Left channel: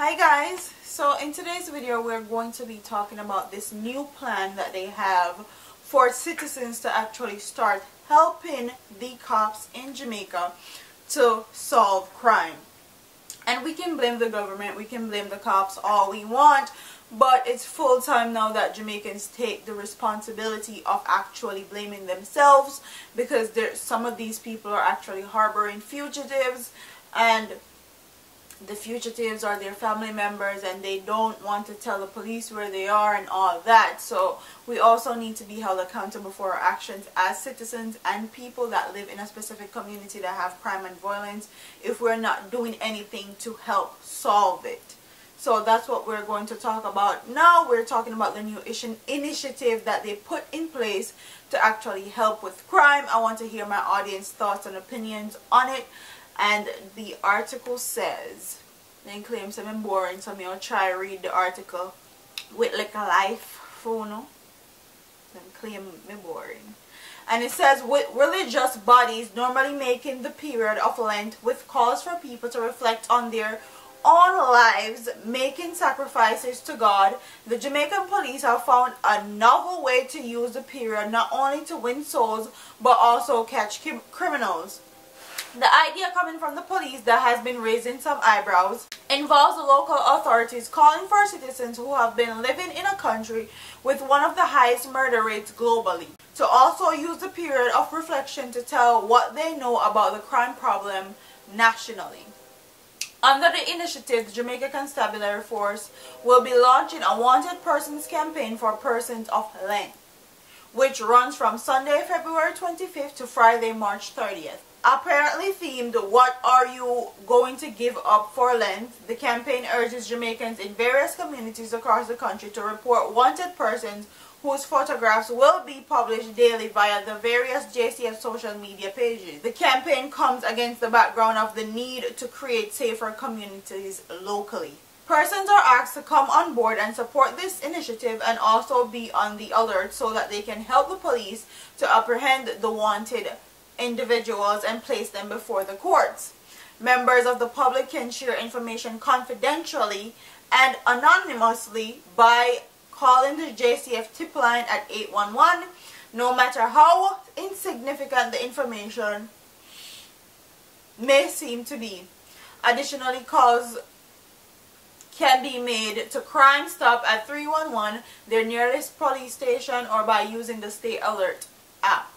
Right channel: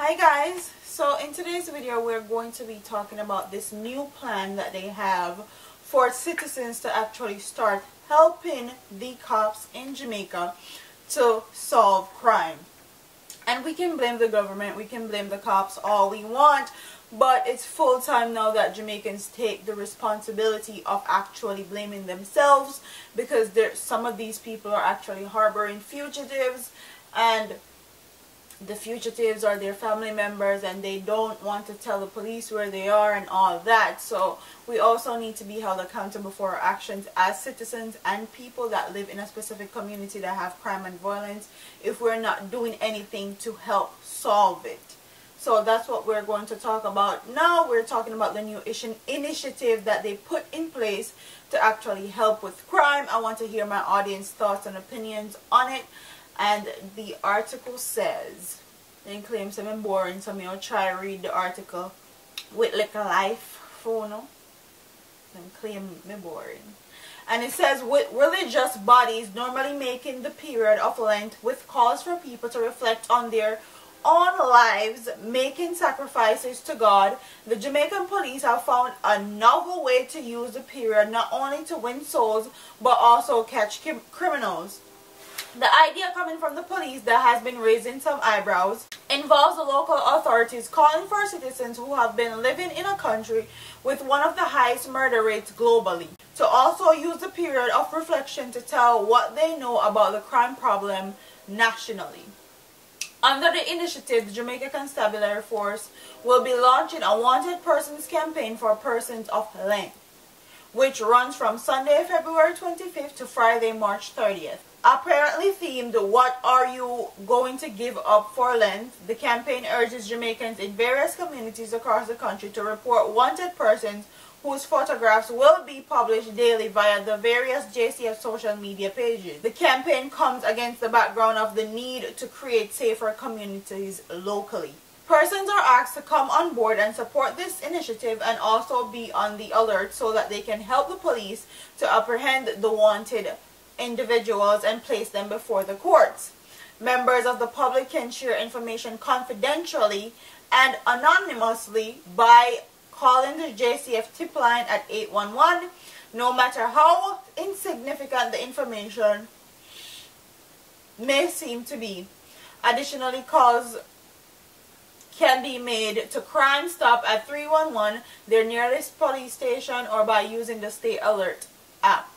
Hi guys, so in today's video we're going to be talking about this new plan that they have for citizens to actually start helping the cops in Jamaica to solve crime. And we can blame the government, we can blame the cops all we want, but it's full time now that Jamaicans take the responsibility of actually blaming themselves, because some of these people are actually harboring fugitives, and the fugitives are their family members and they don't want to tell the police where they are and all that. So we also need to be held accountable for our actions as citizens and people that live in a specific community that have crime and violence if we're not doing anything to help solve it. So that's what we're going to talk about now. We're talking about the new initiative that they put in place to actually help with crime. I want to hear my audience thoughts and opinions on it. And the article says, then claims I'm boring, so I'll try read the article with like a life phono. Then claim me boring. And it says, with religious bodies normally making the period of Lent with calls for people to reflect on their own lives, making sacrifices to God, the Jamaican police have found a novel way to use the period not only to win souls but also catch criminals. The idea, coming from the police that has been raising some eyebrows, involves the local authorities calling for citizens who have been living in a country with one of the highest murder rates globally to also use the period of reflection to tell what they know about the crime problem nationally. Under the initiative, the Jamaica Constabulary Force will be launching a Wanted Persons campaign for persons of Lent, which runs from Sunday, February 25th to Friday, March 30th. Apparently themed, "What are you going to give up for Lent?" the campaign urges Jamaicans in various communities across the country to report wanted persons whose photographs will be published daily via the various JCF social media pages. The campaign comes against the background of the need to create safer communities locally. Persons are asked to come on board and support this initiative and also be on the alert so that they can help the police to apprehend the wanted individuals and place them before the courts. Members of the public can share information confidentially and anonymously by calling the JCF tip line at 811, no matter how insignificant the information may seem to be. Additionally, calls can be made to Crime Stop at 311, their nearest police station, or by using the Stay Alert app.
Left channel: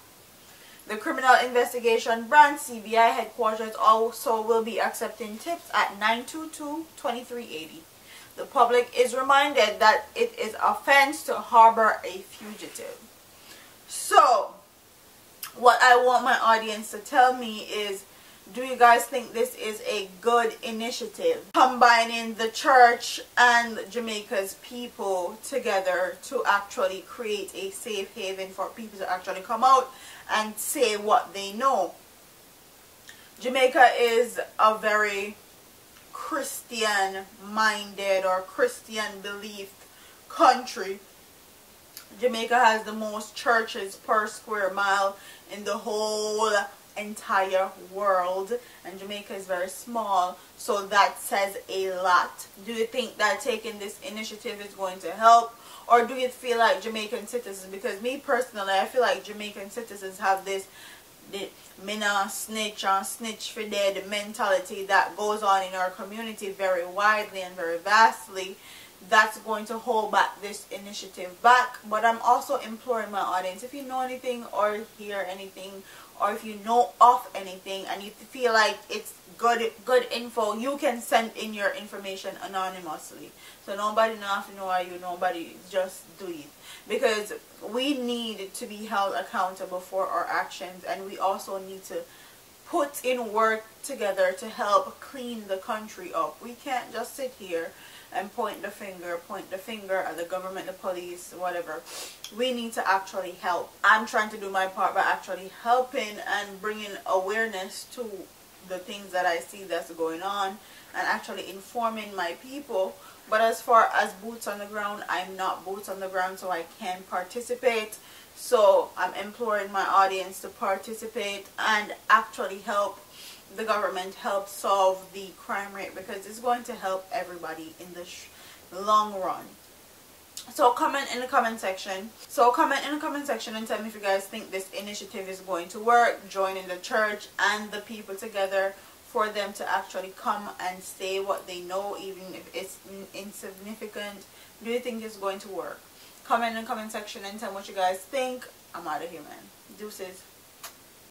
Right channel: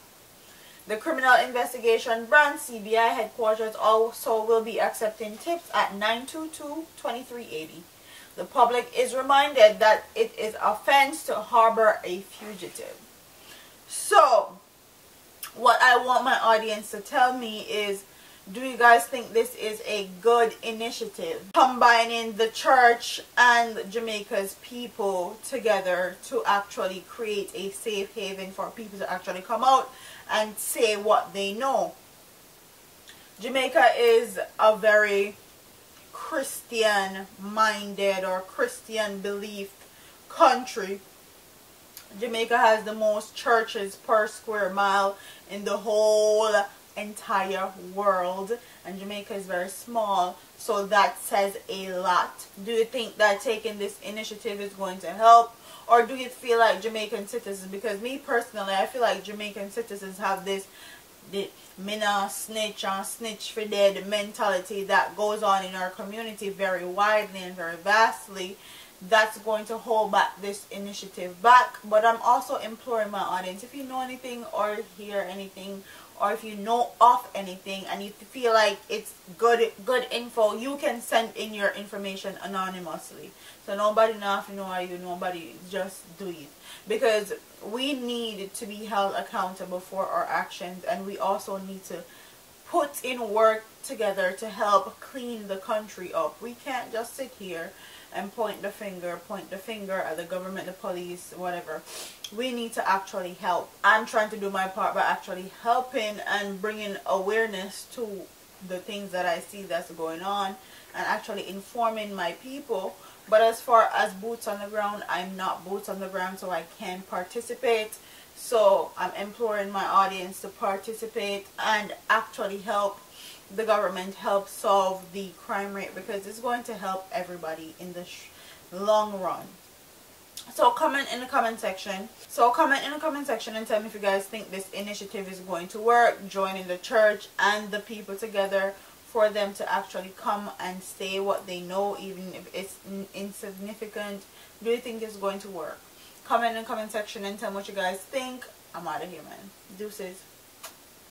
The Criminal Investigation Branch CBI headquarters also will be accepting tips at 922-2380. The public is reminded that it is an offense to harbor a fugitive. So, what I want my audience to tell me is, do you guys think this is a good initiative, combining the church and Jamaica's people together to actually create a safe haven for people to actually come out and say what they know? Jamaica is a very Christian-minded or Christian-believed country. Jamaica has the most churches per square mile in the whole entire world, and Jamaica is very small, so that says a lot. Do you think that taking this initiative is going to help, or do you feel like Jamaican citizens, because me personally, I feel like Jamaican citizens have this me nah snitch and snitch for dead mentality that goes on in our community very widely and very vastly, that's going to hold back this initiative back. But I'm also imploring my audience, if you know anything or hear anything, or if you know of anything and you feel like it's good info, you can send in your information anonymously. So nobody have to know are you, nobody, just do it. Because we need to be held accountable for our actions, and we also need to put in work together to help clean the country up. We can't just sit here and point the finger at the government, the police, whatever. We need to actually help. I'm trying to do my part by actually helping and bringing awareness to the things that I see that's going on and actually informing my people. But as far as boots on the ground, I'm not boots on the ground, so I can't participate. So I'm imploring my audience to participate and actually help the government help solve the crime rate, because it's going to help everybody in the long run. So comment in the comment section. And tell me if you guys think this initiative is going to work, joining the church and the people together for them to actually come and say what they know, even if it's insignificant. Do you think it's going to work? Comment in the comment section and tell me what you guys think. I'm out of here, man. Deuces.